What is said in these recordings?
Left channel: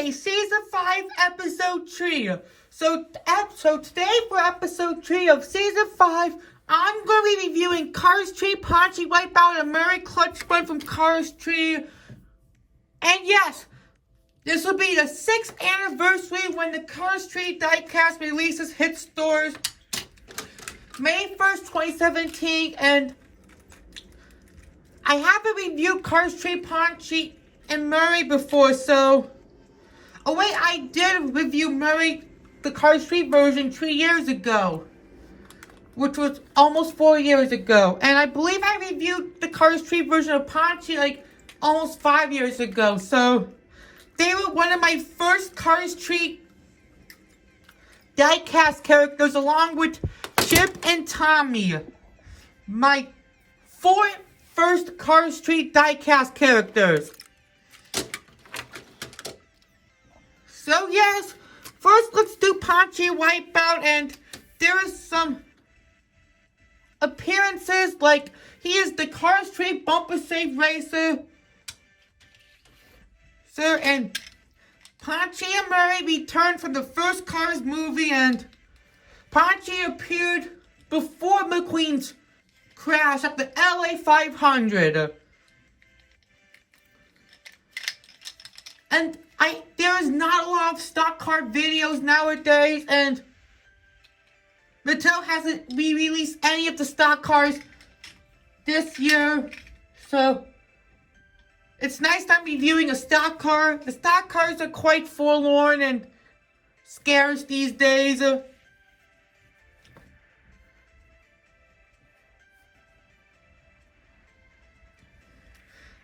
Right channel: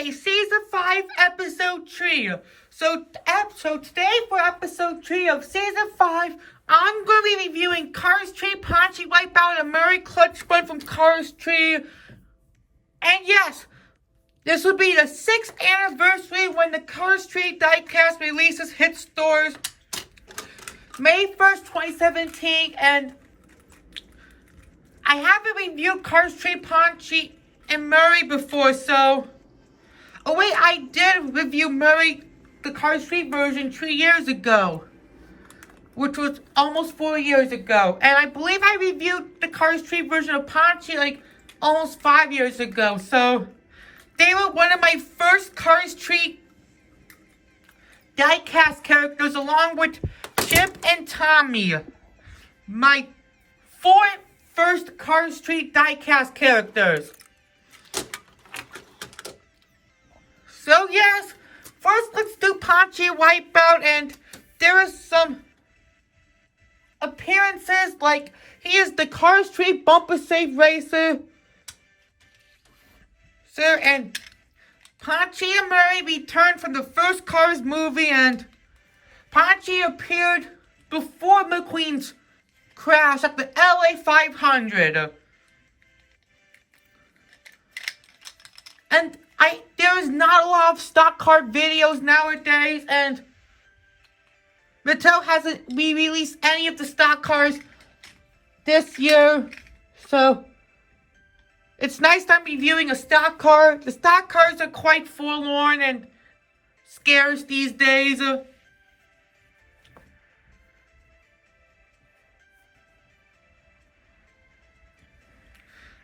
Okay, Season 5, Episode 3. So today for Episode 3 of Season 5, I'm going to be reviewing Cars 3, Ponchy Wipeout, and Murray Clutchburn from Cars 3. And yes, this will be the 6th anniversary when the Cars 3 Diecast releases hit stores May 1st, 2017. And I haven't reviewed Cars 3, Ponchy and Murray before, so... Oh wait, I did review Murray, the Cars 3 version 3 years ago, which was almost 4 years ago. And I believe I reviewed the Cars 3 version of Ponchy like almost 5 years ago. So they were one of my first Cars 3 diecast characters, along with Chip and Tommy, my 4 first Cars 3 diecast characters. So yes, first let's do Ponchy Wipeout, and there are some appearances, like he is the Cars 3 bumper safe racer. And Ponchy and Murray returned from the first Cars movie, and Ponchy appeared before McQueen's crash at the LA 500. And there is not a lot of stock car videos nowadays, and Mattel hasn't re-released any of the stock cars this year, so it's nice that I'm reviewing a stock car. The stock cars are quite forlorn and scarce these days.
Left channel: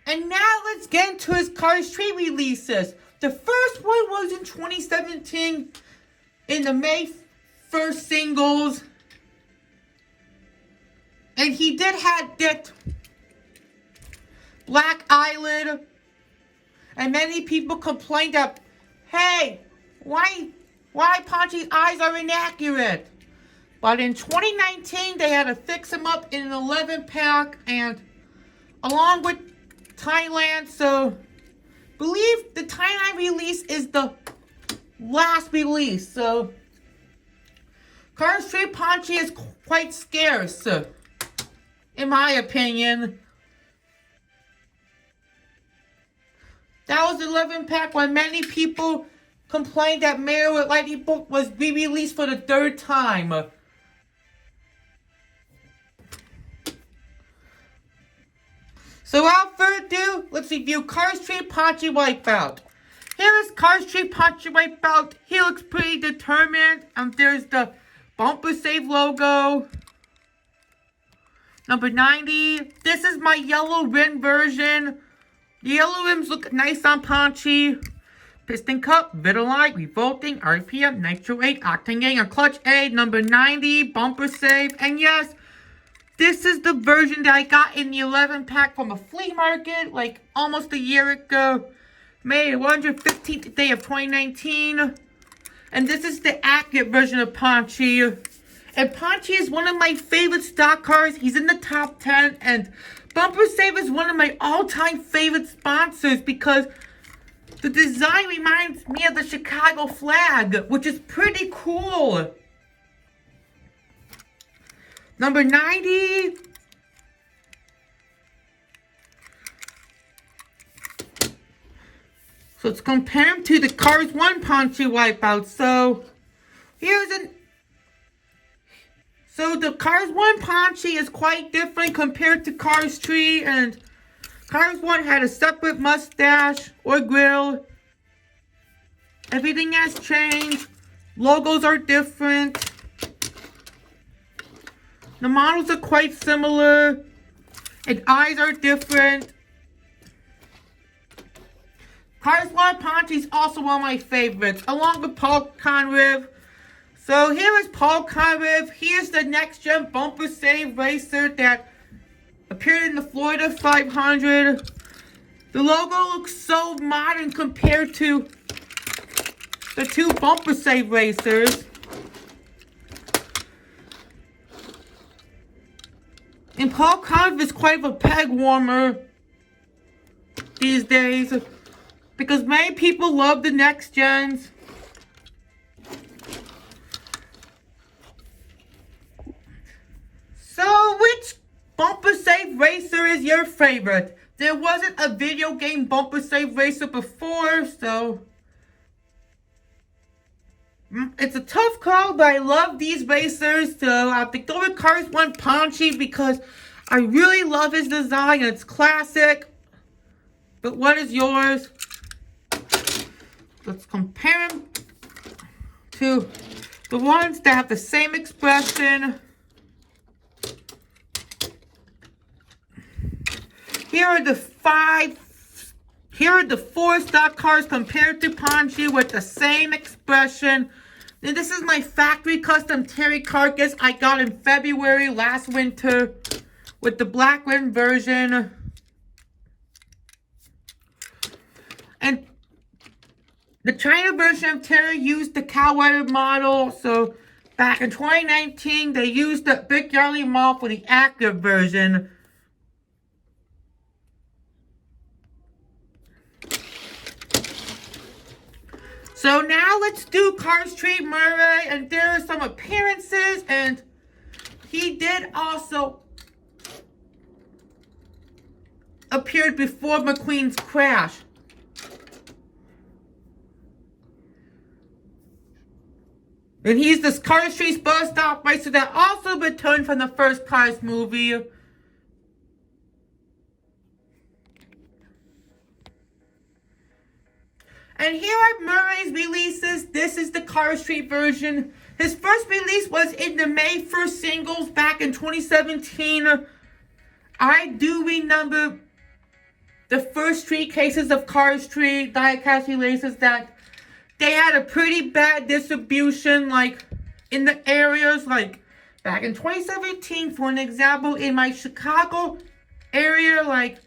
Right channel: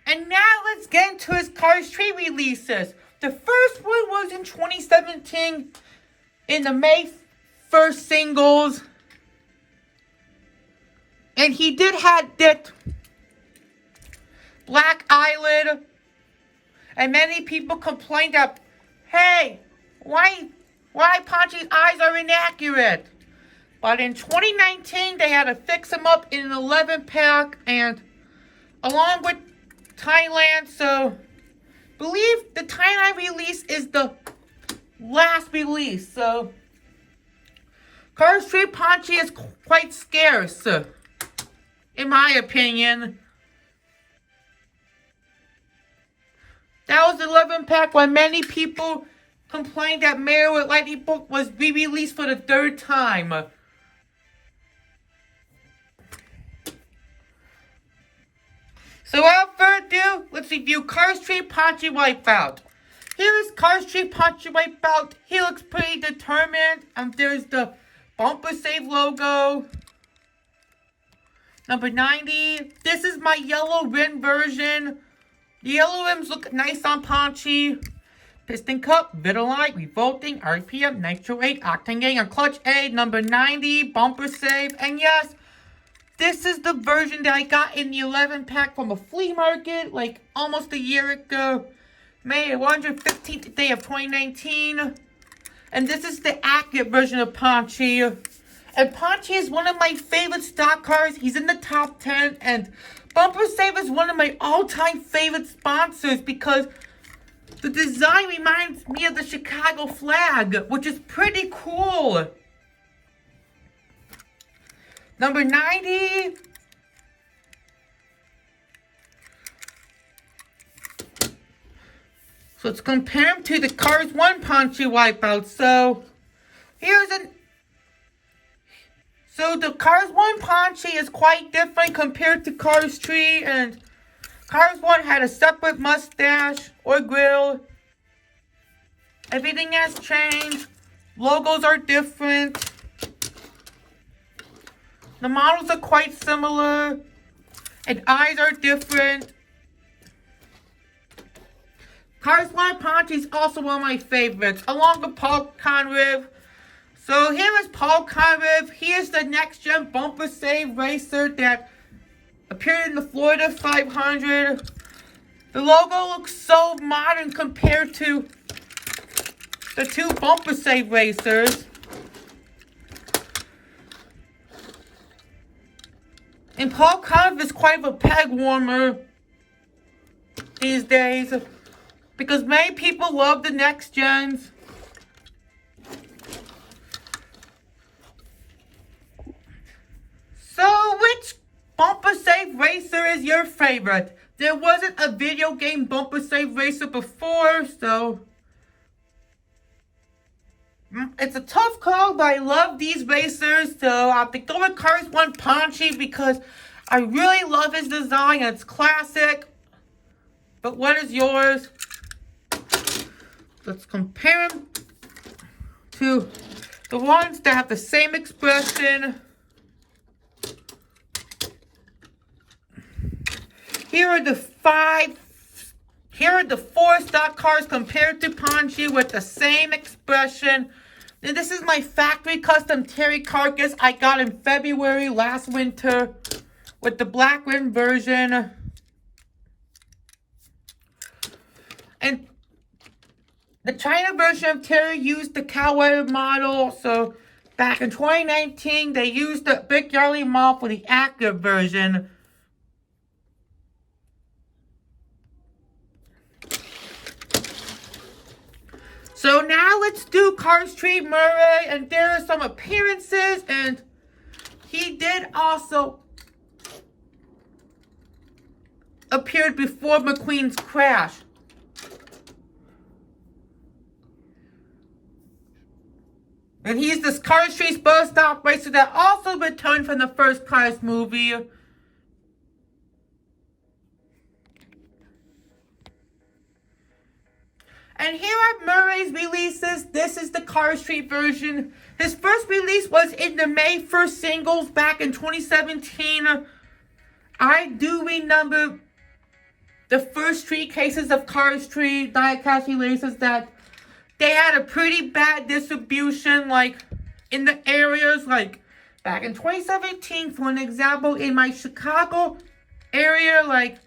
And now let's get into his Cars 3 releases. The first one was in 2017 in the May 1st singles. And he did have that black eyelid. And many people complained that, hey, why Ponchy's eyes are inaccurate? But in 2019, they had to fix him up in an 11-pack, and along with Thailand, so believe the Thailand release is the last release. So Cars 3 Ponchy is quite scarce, in my opinion. That was 11-pack when many people complained that Mayor with Lightning Book was re-released for the 3rd time. So without further ado, let's review Cars 3 Ponchy Wipeout. Here is Cars 3 Ponchy Wipeout. He looks pretty determined. There's the bumper save logo. Number 90. This is my yellow rim version. The yellow rims look nice on Ponchy. Piston cup, Vitalik, revolting, RPM, Nitro 8, Octane Gang, and Clutch A. Number 90. Bumper save. And yes, this is the version that I got in the 11-pack from a flea market, like almost a year ago. May 115th day of 2019. And this is the accurate version of Ponchy. And Ponchy is one of my favorite stock cars. He's in the top 10. And Bumper Save is one of my all-time favorite sponsors because the design reminds me of the Chicago flag, which is pretty cool. Number 90. So let's compare him to the Cars 1 Ponchy Wipeout. So the Cars 1 Ponchy is quite different compared to Cars 3, and Cars 1 had a separate mustache or grill. Everything has changed. Logos are different. The models are quite similar, and eyes are different. Cars 1 Ponchy is also one of my favorites, along with Paul Conrev. So here is Paul Conrev. He is the next-gen bumper save racer that appeared in the Florida 500. The logo looks so modern compared to the 2 bumper save racers. And Paul Conrev is quite a peg warmer these days. because many people love the next gens. So, which bumper safe racer is your favorite? There wasn't a video game bumper safe racer before, so it's a tough call, but I love these racers, so I have to go with Cars 1 Ponchy because I really love his design. It's classic. But what is yours? Let's compare them to the ones that have the same expression. Here are the four stock cars compared to Ponchy with the same expression. And this is my factory custom Terry carcass I got in February last winter with the black rim version. And the China version of Terry used the cow-weathered model. So back in 2019, they used the big yellow model for the active version. So now let's do Cars Murray, and there are some appearances, and he did also appeared before McQueen's crash. And he's this Cars Street bus stop racer that also returned from the first Cars movie. And here are Murray's releases. This is the Cars Street version. His first release was in the May 1st singles back in 2017. I do remember the first three cases of Cars Street Diecast releases that they had a pretty bad distribution, like in the areas, like back in 2017, for an example, in my Chicago area, like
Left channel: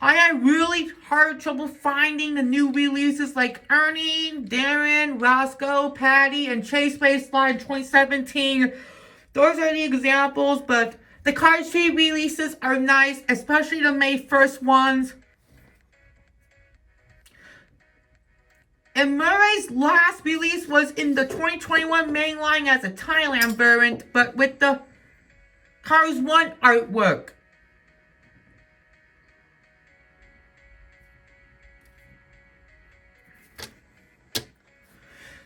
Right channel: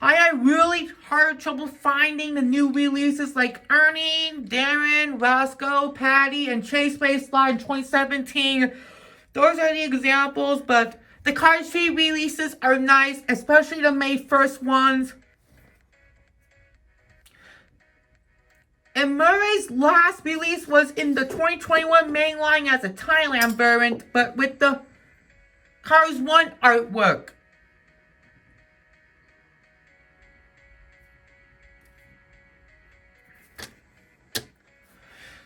I had really hard trouble finding the new releases like Ernie, Darren, Roscoe, Patty, and Chase Baseline in 2017. Those are the examples, but the Cars Street releases are nice, especially the May 1st ones. And Murray's last release was in the 2021 Mainline as a Thailand variant, but with the Cars 1 artwork.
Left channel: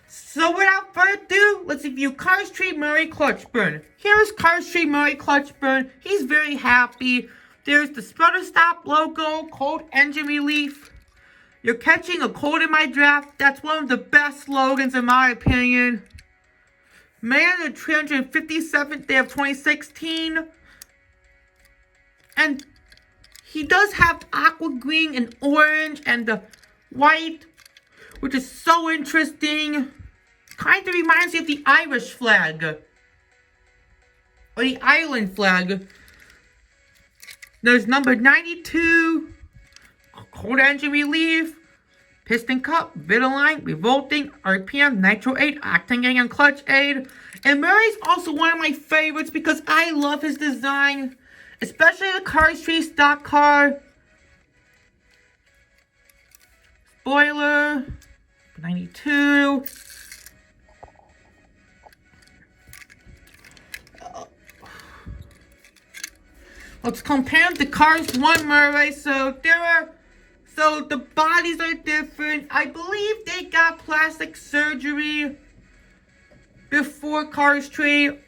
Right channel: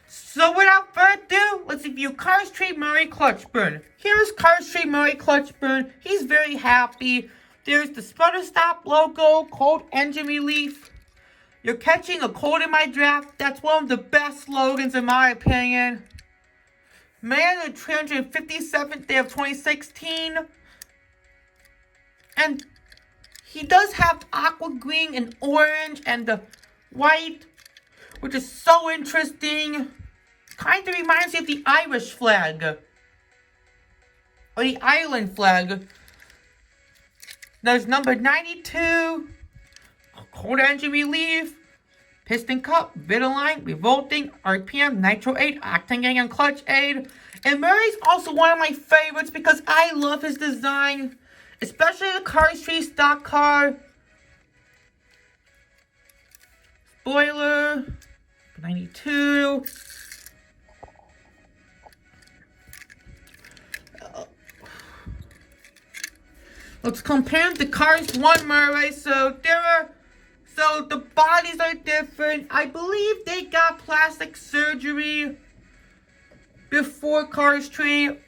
So without further ado, let's review Cars Murray Clutchburn. Here's Cars Murray Clutchburn. He's very happy. There's the Sputter Stop logo, cold engine relief. You're catching a cold in my draft. That's one of the best slogans in my opinion. Man, the 357th day of 2016. And he does have aqua green and orange and the white, which is so interesting. Kind of reminds me of the Irish flag. Or the Ireland flag. There's number 92. Cold engine relief. Piston cup. Vitaline. Revolting. RPM. Nitro 8. Octane and clutch aid. And Murray's also one of my favorites because I love his design. Especially the Cars Street stock car. Spoiler. 92. Let's compare the Cars 1 Murray. So the bodies are different. I believe they got plastic surgery before Cars 3,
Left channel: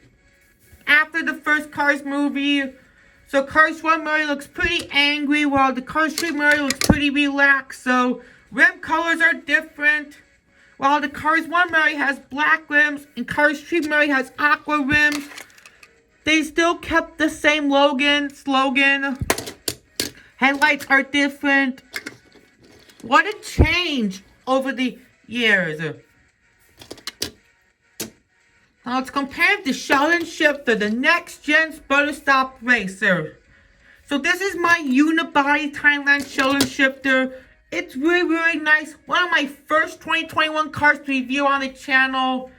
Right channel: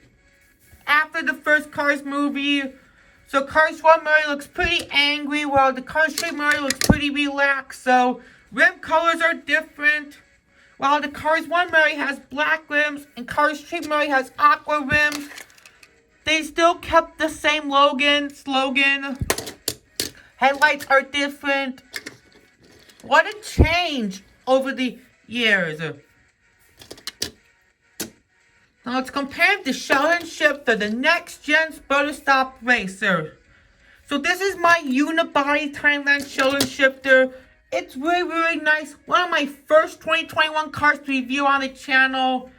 after the first Cars movie. So Cars 1 Murray looks pretty angry, while the Cars 3 Murray looks pretty relaxed. So rim colors are different. While the Cars 1 Murray has black rims and Cars 3 Murray has aqua rims, they still kept the same slogan. Headlights are different. What a change over the years. Now let's compare the Sheldon Shifter, the next gen Sputter Stop racer. So this is my unibody Thailand Sheldon Shifter. It's really, really nice. One of my first 2021 cars to review on the channel.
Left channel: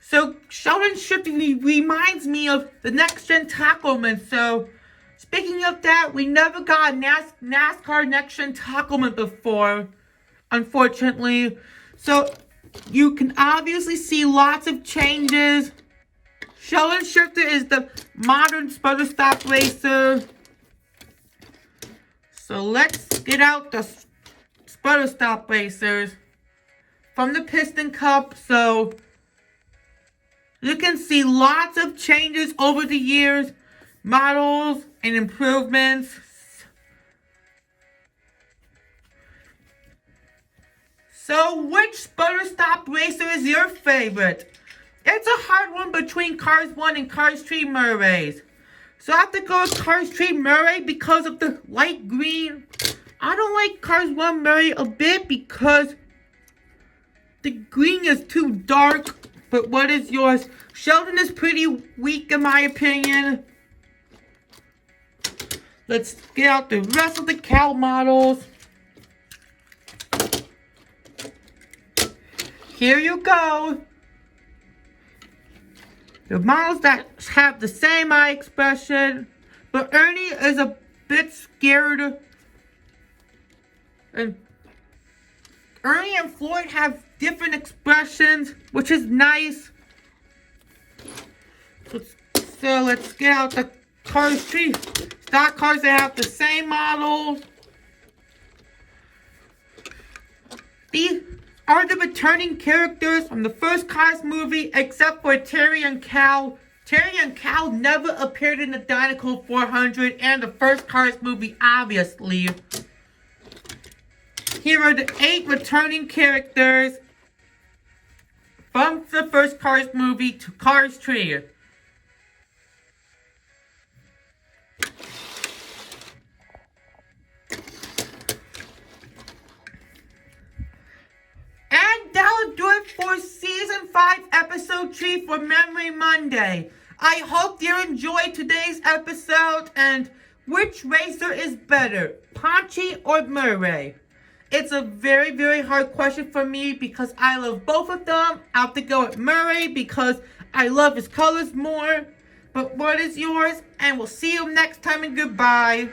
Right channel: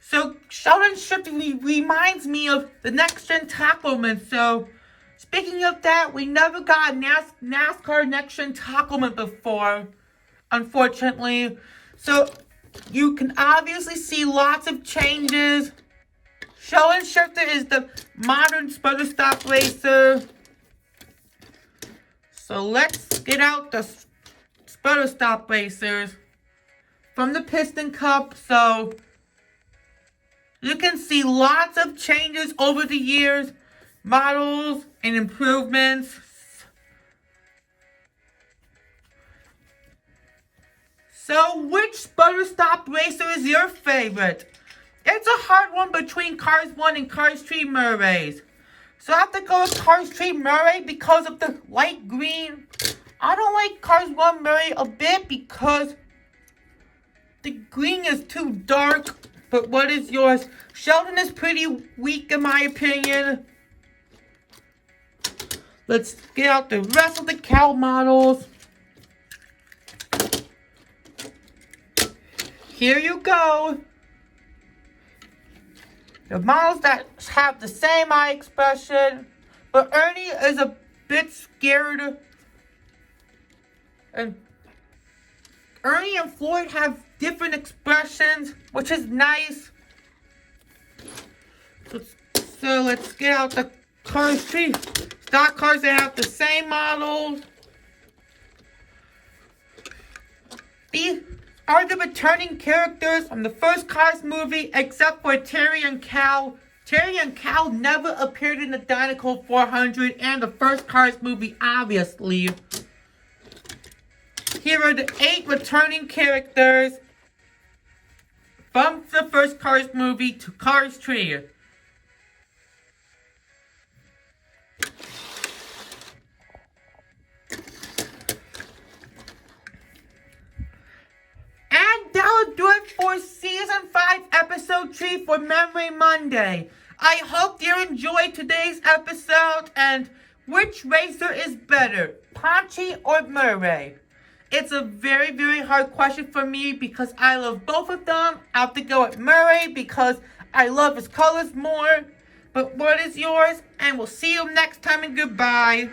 So Sheldon Shifter reminds me of the next gen Tacoman. So speaking of that, we never got a NASCAR next gen Tacoman before. unfortunately. So you can obviously see lots of changes. Sheldon Shifter is the modern sputter stop racer. So let's get out the sputter stop racers from the Piston Cup. So you can see lots of changes over the years, models and improvements. So which sputter stop racer is your favorite? It's a hard one between Cars 1 and Cars 3 Murrays. So I have to go with Cars 3 Murray because of the light green. I don't like Cars 1 Murray a bit because the green is too dark. But what is yours? Sheldon is pretty weak in my opinion. Let's get out the rest of the Cal models. Here you go. The models that have the same eye expression, but Ernie is a bit scared. And Ernie and Floyd have different expressions, which is nice. So let's get out the Cars 3 stock cars that have the same models. These are the returning characters from the first Cars movie, except for Terry and Cal. Terry and Cal never appeared in the Dinoco 400 and the first Cars movie, obviously. Here are the 8 returning characters from the first Cars movie to Cars 3. That'll do it for Season 5, Episode 3 for Memory Monday. I hope you enjoyed today's episode, and which racer is better, Ponchy or Murray? It's a very, very hard question for me because I love both of them. I have to go with Murray because I love his colors more. But what is yours? And we'll see you next time, and goodbye.